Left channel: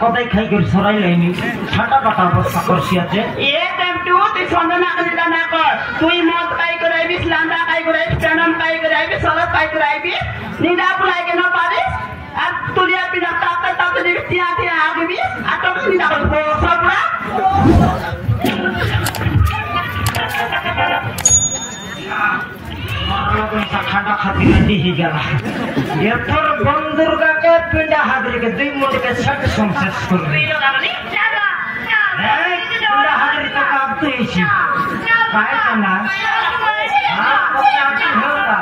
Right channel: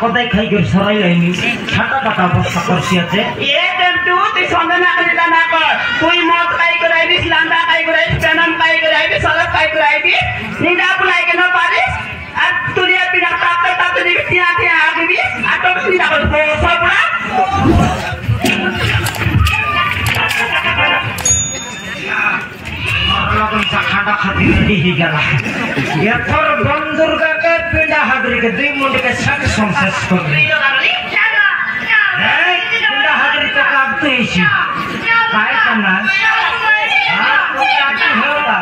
কদাই খাই করে সরাই লাইনি ছাটা পাতা অবস্থা করছি আছে এ তেমটু তুই সন্দেহ না করিস না কর তুই মদ খাই করে আইবিস লান্দা খাই করে আইবিস পেনাম খাই করে আইবিস সরব খাই করে আইবিস নিদা পুলাই কেন পারিস আর তুলিয়া পিনা তাতে তাতে দিবি তিনা তিনা আগবি আর তো তুই যাবো সবরা খাটা খাতি দিহি গেল এরপর বন্ধুর্গাকে পিন্ডা হাগরিকে 2 মিনিটে সব সংশেষ করবে पिंडा हागरी तो आप तो ऐसी काय करना हाँ तो आप तो होगा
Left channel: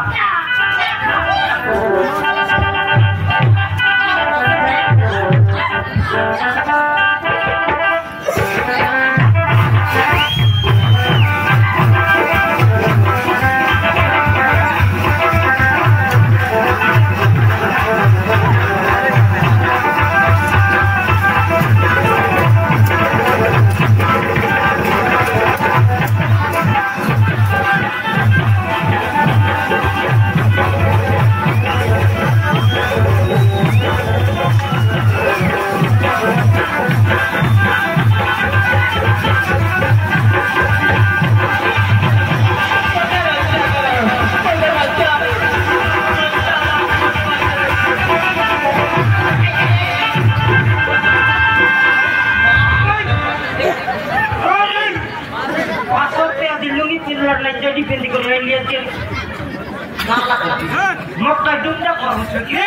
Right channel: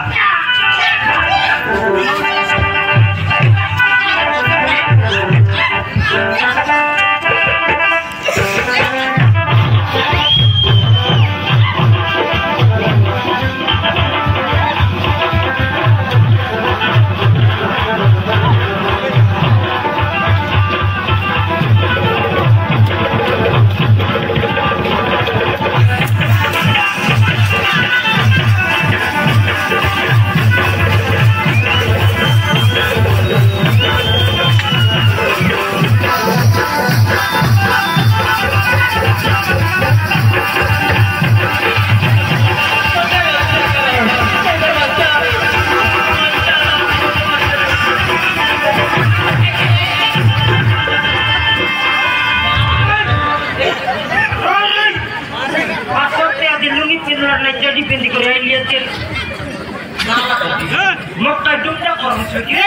मक्का डुबना कौन से के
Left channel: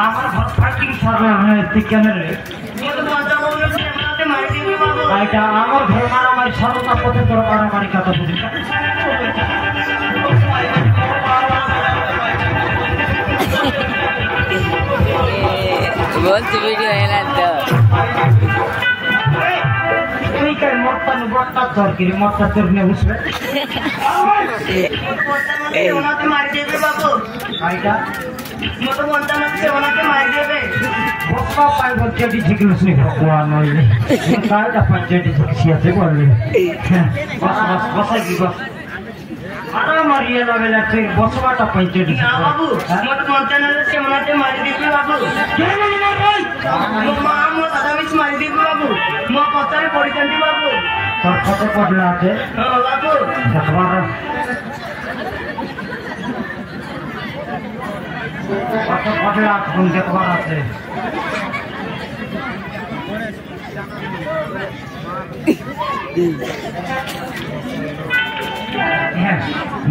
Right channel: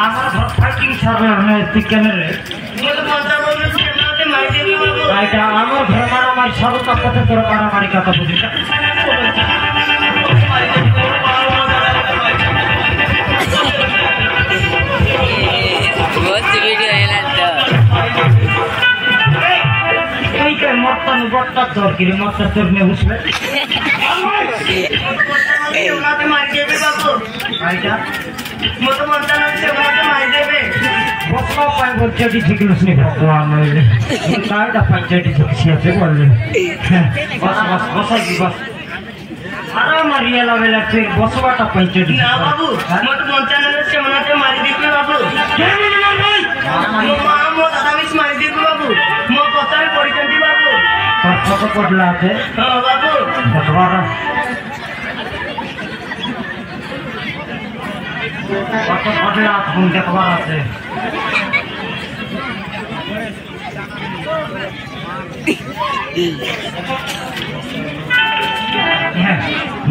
আমার ঘর ফাইটিং সার্ভার নয় তুই কেন রে এটা আমার ঘর মারামারি সর্বতা পথে তোর মারামারি কথা বুঝিস মতটা তোর কি মতটা তোর নে বুঝবে ওনাকে মারি দেবে বাবু আইটা মতো মনটা নাচ্ছে ওনাকে মারি দেবে বসবা পাই বলছে ঠিক আছে ভগবান নইলে কাইটা পঞ্চায়েত কিছু আছে বললে বস বস বসাই দি বস আরে মারিয়া লাভেলা তুই বসবাটা পঞ্চায়েত না বাবু মতো মনটা নাচ্ছে ওনাকে মারি দিবি বাবু মো দাদা মিস মারি দিবি বাবু মো পতারে পরিকান্তি বাবু তোর কত পড়লা আছে বাবু দেখবার কত পড়লা ফোন দেখবার আছে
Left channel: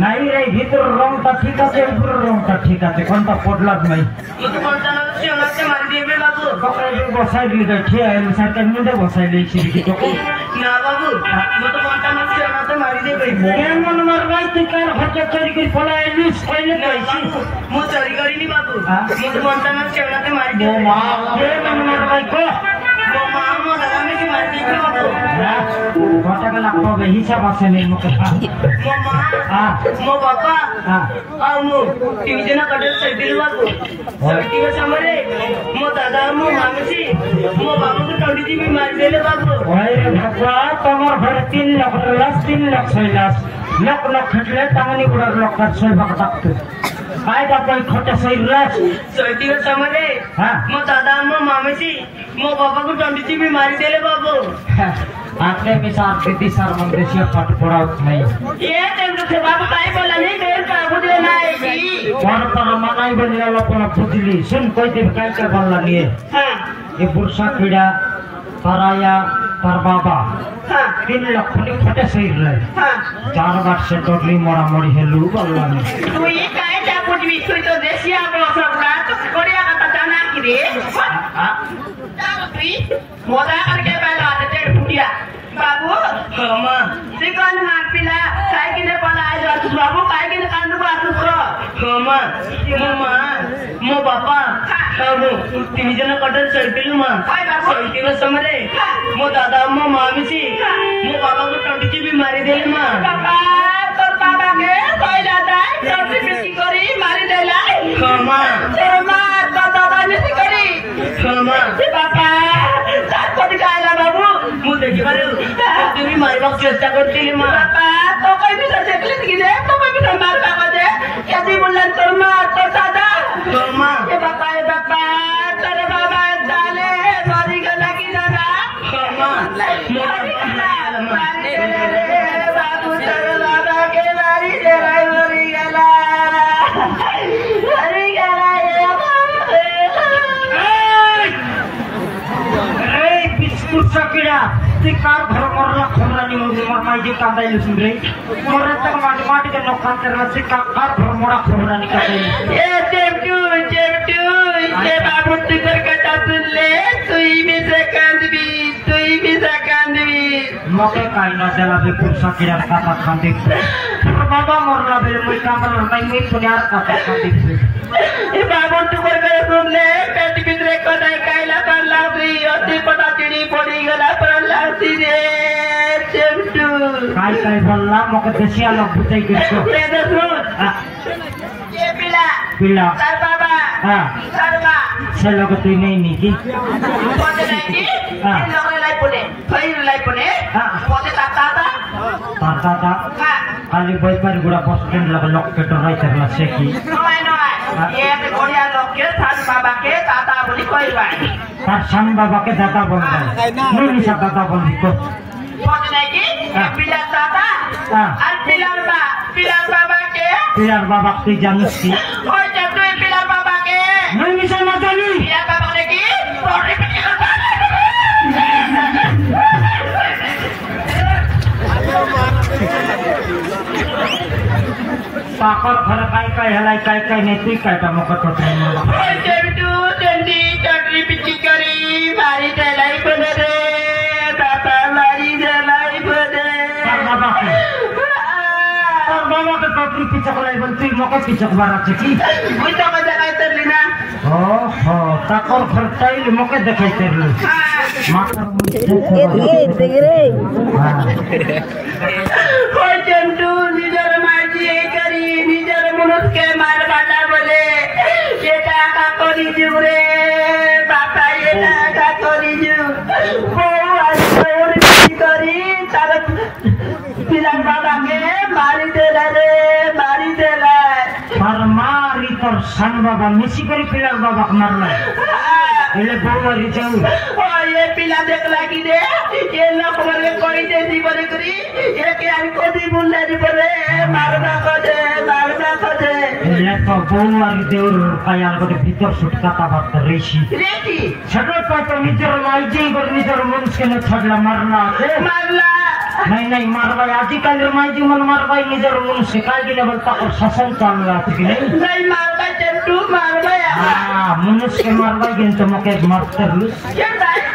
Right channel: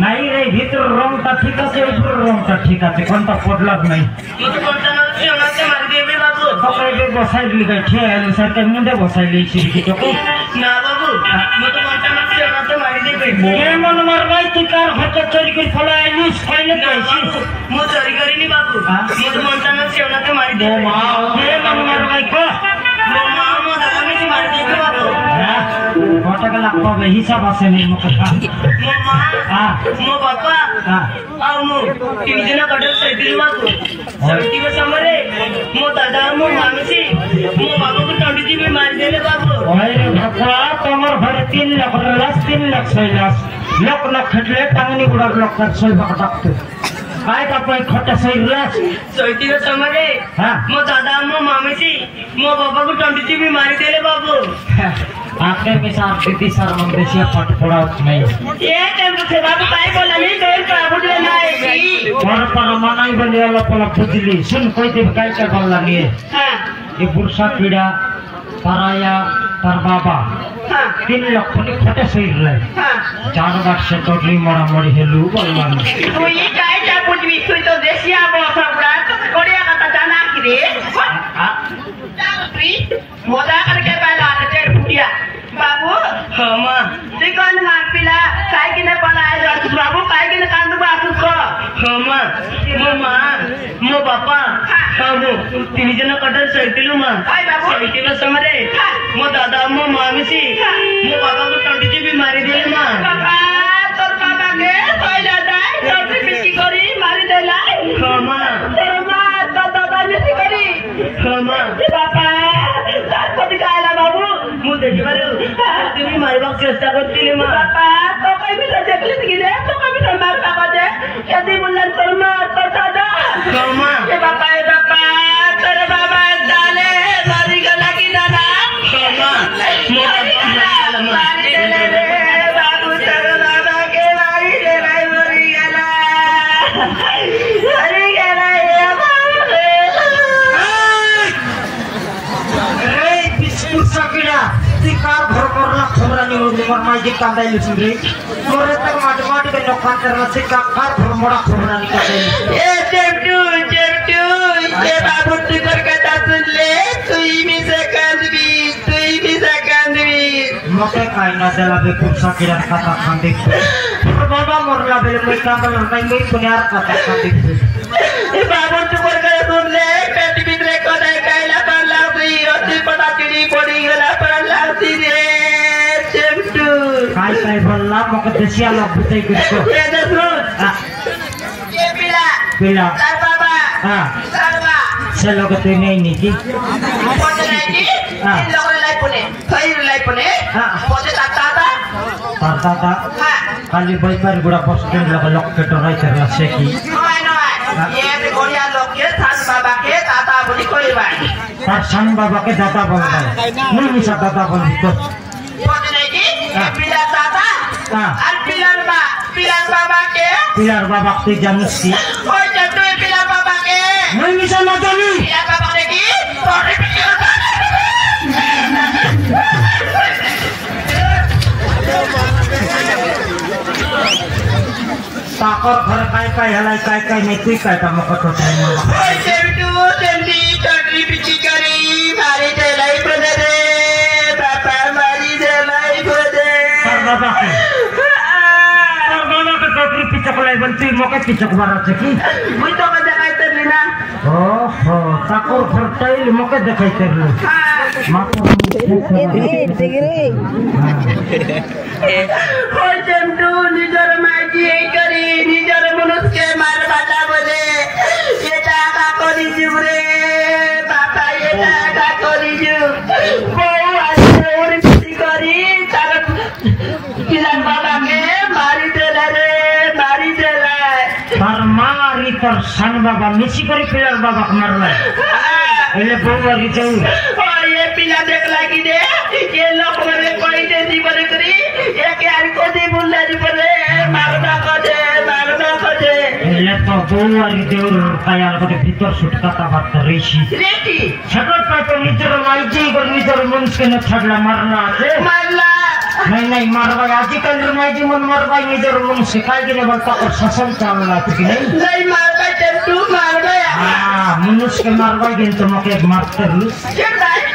নাই রে ভিতর রংটা ঠিক আছে উপর রংটা ঠিক আছে কোনটা পড়লা নাই মতো মনটা নাচ্ছে ওনাকে মারি দেবে বাবু সকালে বসাই দিই ঠিক আছে সরকার মধ্যে বসাই লইছি তোকে না বাবু মতো মনটা নাচ্ছে ওনাকে মারি দেবে এমন মারবাই তুই কার ঘরে চুরি করে ফলে আইলিস কইলে কইছি মো চুরি করিনি বাবু মতো মনটা নাচ্ছে ওনাকে মারি দেবে ও মা এমন মারবাই কো মো মা মো দাদা মিস মারি দেবে বাবু কত লাখ পাবে হিসাব আছে নেই মুখে মো মা মো বাবা আর মো তিনজনা কটে সাইদিল বাবু সাইদিল সমরে মো দাদা মো মামসি মো বাবুকে টন্ডি দিবে মারি দেলে বাবু ওই ভগবা তোমার ঘরে 3 লাখ লাখ 3 লাখ 6 লাখ লাখ লাখ খেটলে টাঙ্গনি গুড়া লাখ কাট 6 লাখ টাকতে काय तपाईं खट्टा सही लाख साइदिल समरे मो दादा मो मामसी मो बाबा को टंडी भी मारी देले बाबू आखिर में सार दीदी सार मंदेशिया फट पड़ा नहीं ये टेंपो से बाबू काय बोला नहीं देर का बुझले ना आएगी और पर मनाई बने वाला पला बुझली सुन कोई दिन काय कर बोला नहीं हां ये बुरसा पीड़ा कराया तार बाबा 3 लाख ने खटे सही लाख हां चार लाख से टोटली मरा मरी हेलू बोला तू ये काय चा बुझबी तू तो देशिया बसा बड़ा तो कोड़िया का जाना की रे हां तू मोदा करके बैला ते फुटिया बाबू हां मां सिकन खान पिला काय किने बनाए जा बाबू काय किने कांदू बातू को हां मां मो बापा हां तीन जन कटर सळतिलु मां सळतिल समरे मो दादा मो मामीसी मो बाबा को टंडी भी मारी देले मां बाबा तोर बाबा के कोई जाता है टंडी मिसी करी मारी देला हां मां तोर मां तो दादा मिसी करी हां मां बाबा साथ पति काला बाबू मु देखि मारे তুমি মারিবাক চেষ্টা করছিলি মা বাবা তো কই বিসর দেখলি কি রে তো কই বিসর মার বাবা দে Jadi bulan terma tada. Terma. Bapak तेरे बाबा डाले मारी का लगी दादा मारी रे बाबू तेरे बाबा के मारी ले भाई मरी गला रे बिस्कुट सकिरा कार घर मरला खमरानी उमर माइजी कांदाई लुसिन रे मोरे तक माटी के नोकान करना सिक्का कार घर मोड़ा खमरानी कांदाई ए जेटू ये बाबू तुझे कथा सुन ले तू ही में से कांदवी मके काइना देला बे कुछ सकिरा कथा खांदे बाबा मोरला बेले मैं कांदल नहीं मैं पुण्यार कथा खांदे ए बाबू तू कर सुन ले पेट भीतर को नहीं काइला पर लाउदी अति पता चिड़ी पड़ी गला पर लाउदी रे जेटू काय बोलला मके देसिया लोग बुझाई करको ये देखो ये पिला तार बाबा हां sarva से लोग तू नहीं नीति pode lagi लोग लाई पुने खैर लाई पुने pode tata ताता खाली बैपर गुड़ा बसस्टैंड लगा लोकेटर राई करला से की ये गोलिया लोग के थान बाबा के ताता बोली कोई बात तार सन बाबा के दादा बोलता है नहीं मिसा दादा बोली तो pode lagi पिला ताता और पिला बाबा के पिलार बाबा के जानस की ओए जब तू पिला बाबा के नहीं मिसा ना जानी पिला बाबा ने की पौड़ी पिला ताकर घर काय हलाई काय नहीं तू काय ता मक तो ओए जेटू जल्दी चटरी पिची करी मारी चलाई बने रे पापा मारी चलाई बने तार बाबा के कपड़ी पिचक लाई बनती मके पिचक बारा की मुई तो मजा काय तरली ना ओहो ताकर घर टाइल मके देखाई तेरलो माता ओए जेटू निजर माजी करी निजर मनुष्य के मार काटा बोले ये टाका करी जुरे बापा ये टाका करी जु बोला और पिची करी तार पिला बाबा के मारी देला रे मारी देला पर मारी तर सन बाबा मिसी करी पिलार बाबा मारला एले बोलरी जाऊ ये पिला देख लागी दे ये लोग मरे कोई दे दी बरे करी ये के आरी को दी बुल्ला दी बरे मारना को दे एले तो बोलरी देउर कायार को भीतर सुटकाता बात रेशी रेटी छटो तो निजर लाइजी को निजर मनुष्य के न छडला मारला है मारला नहीं मारवा आजकल माइजी मन मारवा निजर मनुष्य काय के बोलता और शासन चल रहा है कि नहीं मारवा चट्टू मारवा हां मनुष्य के मारवा के तो मके मारते लू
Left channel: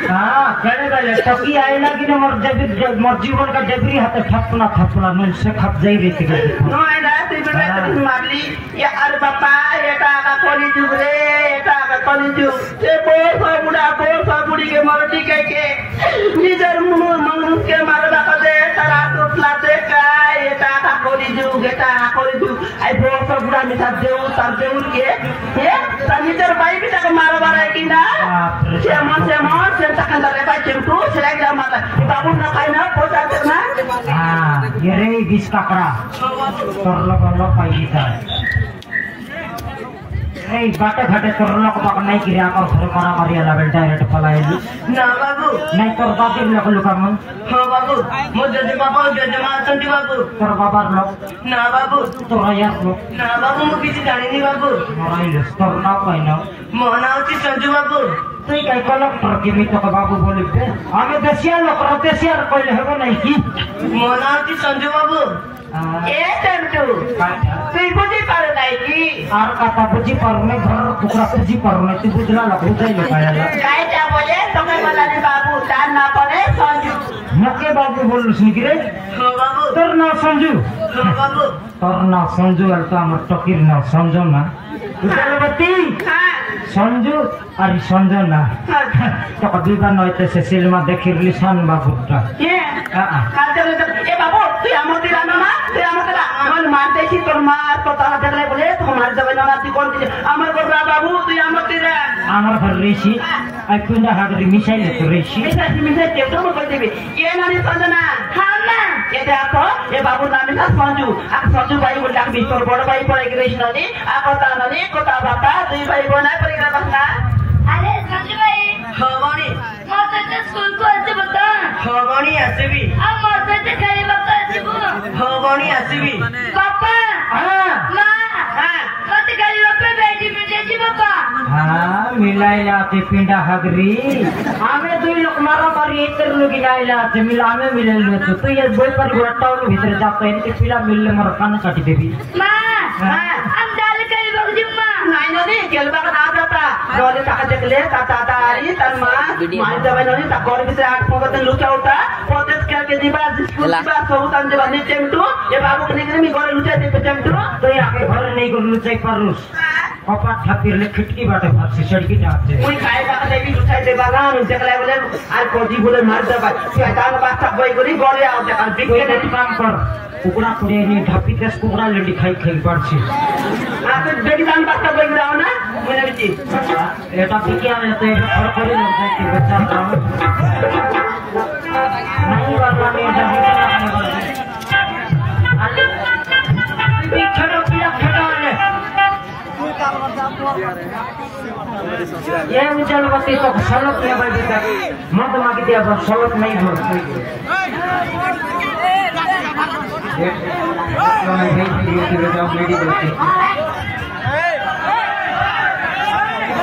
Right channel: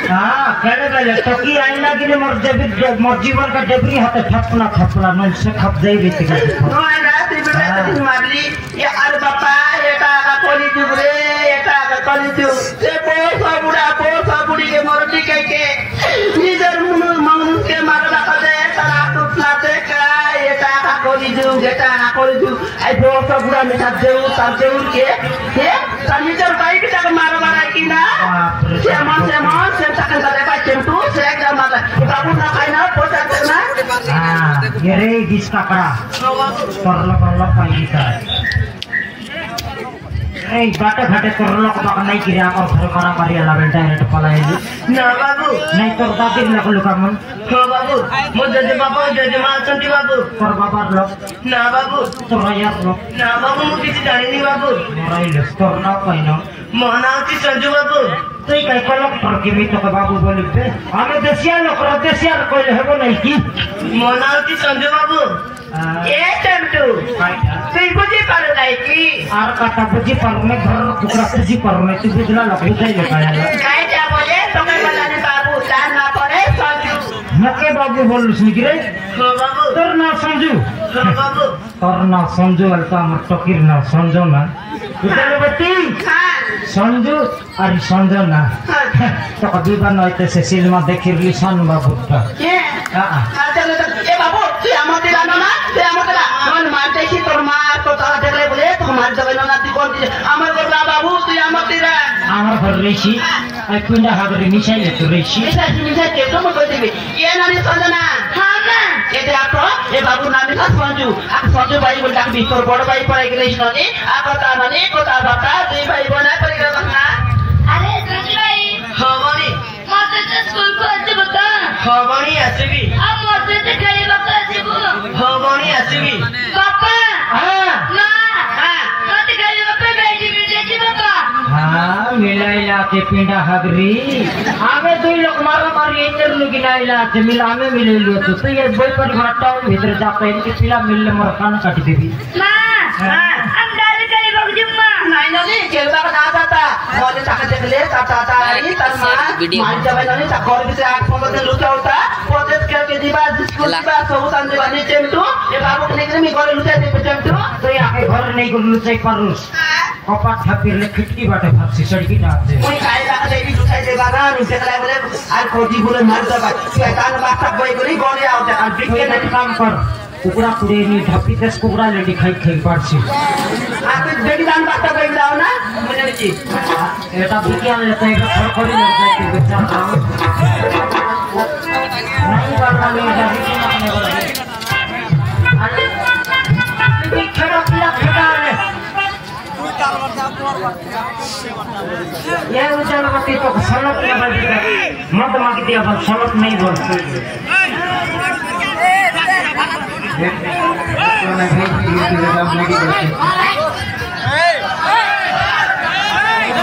हां करे गले तो की आईना कि मोर जीवन का डेबरी हाथे थपना मन से खप जाई रे थी नोएडा तिबरे मारली या अरे बापा एटा का कोली जुरे एटा का कोली जु से बोसा बुड़ी के मोरटी के निजर मनुष्य के मारवा का दे तारा तो फ्लाते का एटा का कोली जु आई बोसा बुड़ा मिठा देउ तार देउ के हे निजर बाइक ता मारवा रे कि ना से मन से तकन दे बा चेंटू से का मार बाबू ना खाइना पोता ना हां ये रे जिसका करा तरलो पाई था ए बाटे घाटे तरलो को बाक नहीं किया और घर मारा मारिया लावेल डायरेक्ट पलाएली ना बाबू नहीं कर बाबी लोग मन हो बाबू मो जजे बाबू जजे मां संती बाबू कर बाबा लोग ना बाबू तो यार लोग ना बाबू मो किसी जानी नहीं बाबू मोराई लस्तर ना पाइना मो नाउती संजू बाबू तई काय कोलक पर की मी तो बाबू बोली पे हमें देसिया लोग देसिया कोई हेबो नहीं की मो नाउती संजू बाबू ए टंटू तुई बुझी पर नहीं की आर काटा बुझी पर में घर कुकरा बुझी पर में तू बुझला लोग बुझाई लगाया काय क्या बोले तुम्हें बोला रे बाबू जान ना पड़े संजू मके बाबू बोल सुगिरे हो बाबू तोर ना समझू हो बाबू तोर ना समझू अलता हम फकीर ना समझो ना उतलबती हां समझू अरे समझो ना तो कभी बन होते से सिनेमा देखि लिसन बाबू का के हां चलो ए बाबू तू हमते लाना ना ते हमते मन मानते की तोर मार तो तारा देखले बोले तो मार जबे ना ती कोन हमर को बाबू तू हमते रा আমার ঘর রেছি আর তুই না হাগরি মিশাইলে তো রেছি मिसा के तो मत देबे ये ना नहीं समझना हां ना এটা তো এ বাবুর নাম হলো সঞ্জু আর সঞ্জু ভাই বলে ডাক বিস্তর বড় ভাই পড়াই গেছিস ননি আর কথা মানে কথা বাতা দুই ভাই বোন পড়ে গেল না আরে সঞ্জু ভাই হবানি মতে তো স্কুল কো আছে বতা হবানি আসবি আর মতে তো খাইবা কো আছে গো হবানি আসবি পাপা হ্যাঁ মা হ্যাঁ মতে খাইবা পে বেটি মিলেছি বাবা হ্যাঁ মিলাইলা কে পিंडा हगरी आमे दुई लोग मारा मारी इतर लोग गिनाइला আছে মিলা আমি মিলাই লিয়েছো তুই এই বই পড়ি বড় টাউন ভিতরে যাতো এমনি পিলা মিললে মোর কান কাটি দেবি মা হ্যাঁ আম ডাল খাইবা জুম্মা নাই ননি কেলবা না যাতা নলে টাকা দেখলে চাচা চাই তার মা মার যাবে ননি তা ঘরে ভিতরে 8-15 দিন লুকা উঠা পথে খেলকে দিবা স্কুল দিবা সব তান দিবা নি চেমটু এ বাবু নিগরে মি ঘরে লুকা দিবে চেমটু তুই আগে ঘরে নেই গলু চাই পারুস কপাট থাপিলে খিটকি বাটে ভাবছি সড়কিটা আছে ওই খাই রাখা দেবি লুকাই দেবা না লুকে গেলে বলে আর কোটি বলে মার দেবা তুই তার বাচ্চা বই করি ঘরে আও দেখা তুই বিকে এক কাম কর কুকুরা কুড়িয়ে নিয়ে ধাপিতে কুকুরা লেডি খাই খাই পারছি আর তুই বেটি দান বাচ্চা বই দাও না মনে হচ্ছে এটা বিকে আনলে তো এটা খর করে লোক যাইতে বেচা নাই বাবা নেই এটা বিকে আনলে বলে আরে তুই খেলো কিলা খেটা আনলে ये उजाला बत्ती तो सलट में बज गया मत मांग दिया बस सलट नहीं बोल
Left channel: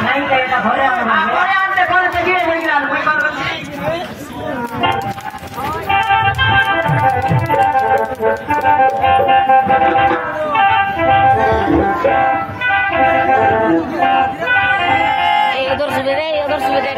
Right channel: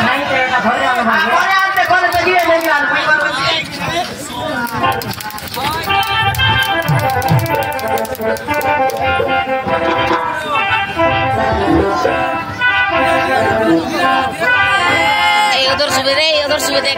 नहीं करेगा घरे आने वाले ঘরে আনতে ঘরে গিয়ে দেখি আর বই করবে उधर सुबह देख